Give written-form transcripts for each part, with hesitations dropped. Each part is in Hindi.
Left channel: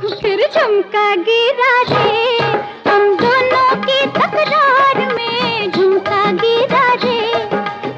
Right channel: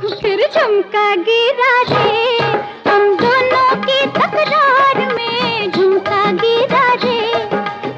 फिर झुमका गिरा रे, हम दोनों की तकरार में झुमका गिरा रे,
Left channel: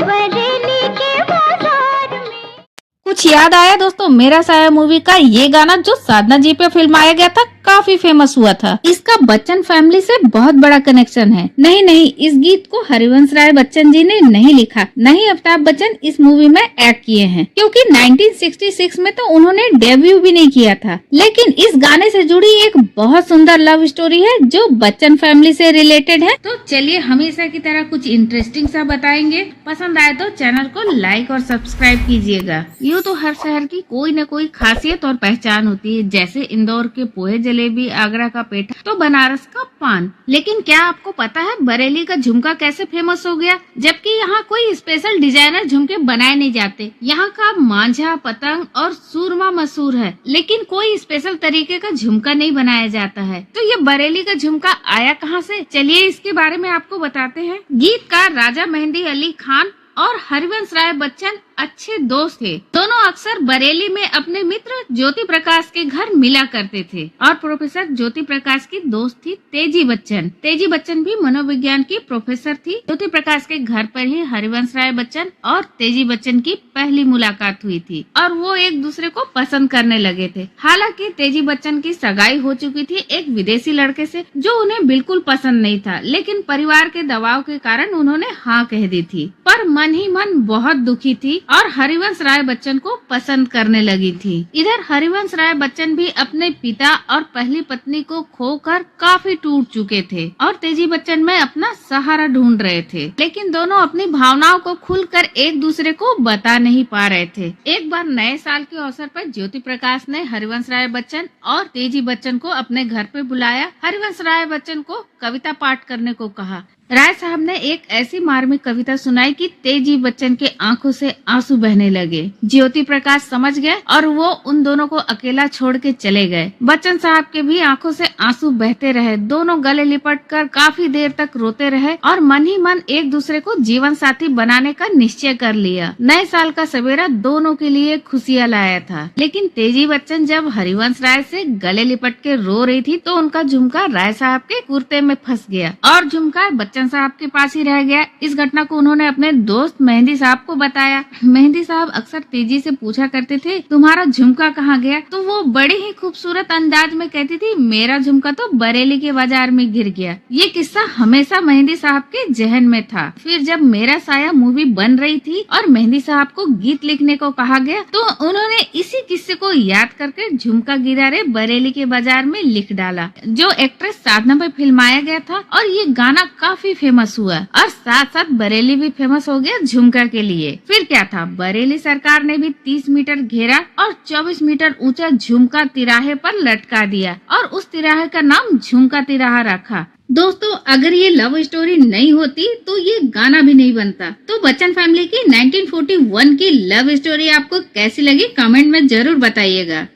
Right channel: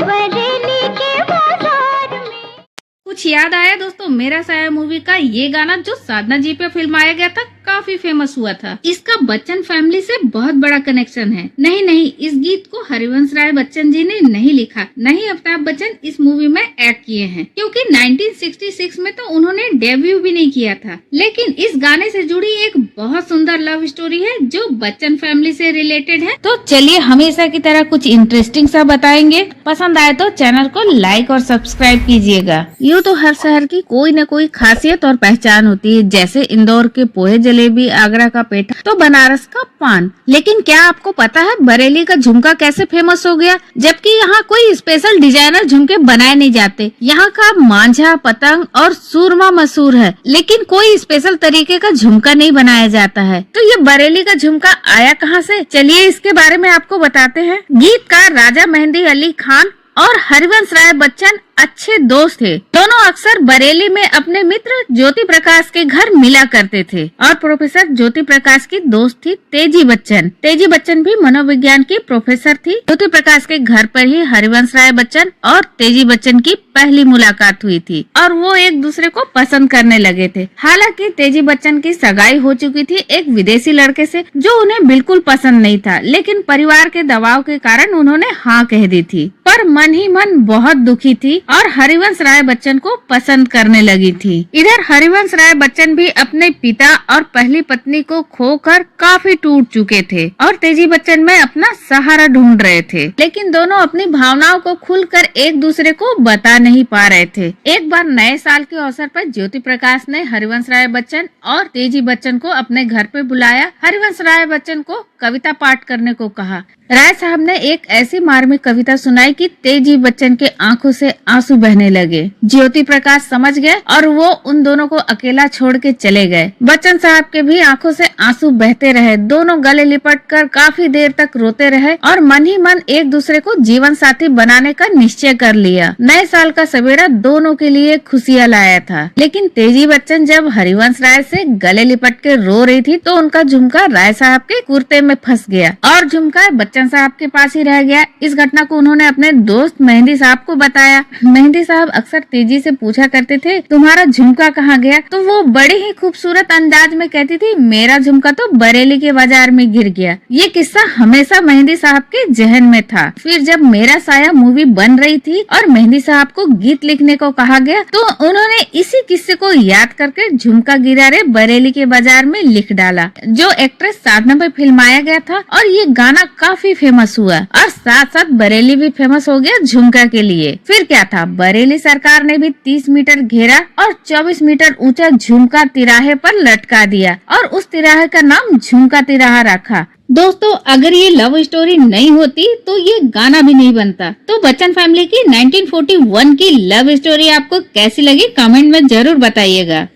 बरेली के बाजार में। कुछ याद आया दोस्तों? मेरा साया मूवी का ये गाना जो साधना जी पे फिल्माया गया था, काफी फेमस हुआ था। इसका बच्चन फैमिली से बहुत बड़ा कनेक्शन है। नहीं, इस गीत को हरिवंश राय बच्चन जी ने नहीं लिखा, नहीं अमिताभ बच्चन इस मूवी में एक्ट किए हैं, क्योंकि 1966 में तो उन्होंने डेब्यू भी नहीं किया था। लेकिन इस गाने से जुड़ी एक बहुत सुंदर लव स्टोरी है जो बच्चन फैमिली से रिलेटेड है। तो चलिए हमेशा की तरह कुछ इंटरेस्टिंग सा बताएंगे। पसंद आए तो चैनल को लाइक और सब्सक्राइब कीजिएगा। यूँ तो हर शहर की कोई न कोई खासियत और पहचान होती है, जैसे इंदौर के पोहे जलेबी, आगरा का पेठा तो बनारस का पान। लेकिन क्या आपको पता है बरेली का झुमका कैसे फेमस हो गया? जबकि यहाँ कोई स्पेशल डिजाइनर झुमके बनाए नहीं जाते। यहाँ का मांझा, पतंग और सूरमा मशहूर है, लेकिन कोई स्पेशल तरीके का झुमका नहीं बनाया जाता है। तो ये बरेली का झुमका आया कहाँ से? चलिए इसके बारे में आपको बताते हैं। गीतकार राजा मेहंदी अली खान और हरिवंश राय बच्चन अच्छे दोस्त थे। दोनों अक्सर बरेली में अपने मित्र ज्योति प्रकाश के घर मिला करते थे और प्रोफेसर ज्योति प्रकाश की दोस्त थी तेजी बच्चन। तेजी बच्चन भी मनोविज्ञान की प्रोफेसर थी। ज्योति प्रकाश के घर पर ही हरिवंश राय बच्चन और तेजी बच्चन की पहली मुलाकात हुई थी और वो एक दूसरे को पसंद करने लगे थे। हालांकि तेजी बच्चन की सगाई हो चुकी थी एक विदेशी लड़के से जो उन्हें बिल्कुल पसंद नहीं था, लेकिन परिवार के दबाव के कारण उन्होंने हाँ कह दी थी। पर मन ही मन बहुत दुखी थी और हरिवंश राय बच्चन को पसंद करने लगी थी। इधर हरिवंश राय बच्चन भी अपने पिता और पहली पत्नी को खोकर काफी टूट चुके थे और तेजी बच्चन में अपना सहारा ढूंढ रहे थे, लेकिन दोनों अपनी भावनाओं को खुलकर एक दूसरे को बता नहीं पा रहे थे। एक बार नए साल के अवसर पर ज्योति प्रकाश ने हरिवंश राय बच्चन और तेजी बच्चन को अपने घर पे बुलाया। हरिवंश राय बच्चन को कविता पाठ करने को कहा। राय साहब ने एक ऐसी मार्मिक कविता सुनाई कि तेजी बच्चन के आंखों से आंसू बहने लगे। ज्योति प्रकाश समझ गए और वो उन दोनों को अकेला छोड़ के चले गए। बच्चन साहब के भी आंखों से आंसू बहते रहे। दोनों गले लिपटकर काफी देर तक रोते रहे और मन ही मन एक दूसरे को जीवन साथी बनाने का निश्चय कर लिया। नए साल का सवेरा दोनों के लिए खुशियाँ लाया था, लेकिन तेजी बच्चन जब हरिवंश राय से गले लिपट के रो रही थी तो उनका झुमका राय साहब के कुर्ते में फंस गया और झुमका बच्चन साहब के पास ही रह गया। इस घटना को उन्होंने अपने दोस्त मेहंदी साहब को बताया। मेहंदी साहब अक्सर तेजी से पूछा करते थे तुम्हारा झुमका कहाँ गया? तो वो बड़े ही खूबसूरत अंदाज में कहती थी मेरा झुमका तो बरेली के बाजार में गिर गया। ये किस्सा हमेशा मेहंदी साहब के जहन में था। फिर जब मेरा साया मूवी बन रही थी और मेहंदी साहब को गीत लिखने को कहा गया तो उन्होंने इसी किस्से को याद करके झुमका गिरा रे बरेली के बाजार में लिख डाला, जो एक्ट्रेस साधना पे फिल्माया गया था। और ये गाना काफी फेमस हुआ और साथ साथ बरेली भी फेमस हो गया झुमका के लिए। फिर क्या था, बरेली सरकार ने भी 30 मीटर घेरा और 24 मीटर ऊंचा झुमका तिराहे पर लटका दिया और उस तिराहे का नाम झुमका तिराहा रखा। दोस्तों अगर ये लव स्टोरी नहीं होती तो ये गाना भी नहीं बनता। तो बच्चन फैमिली की 1941 की लव स्टोरी आपको कैसी लगी कमेंट में जरूर बताइएगा।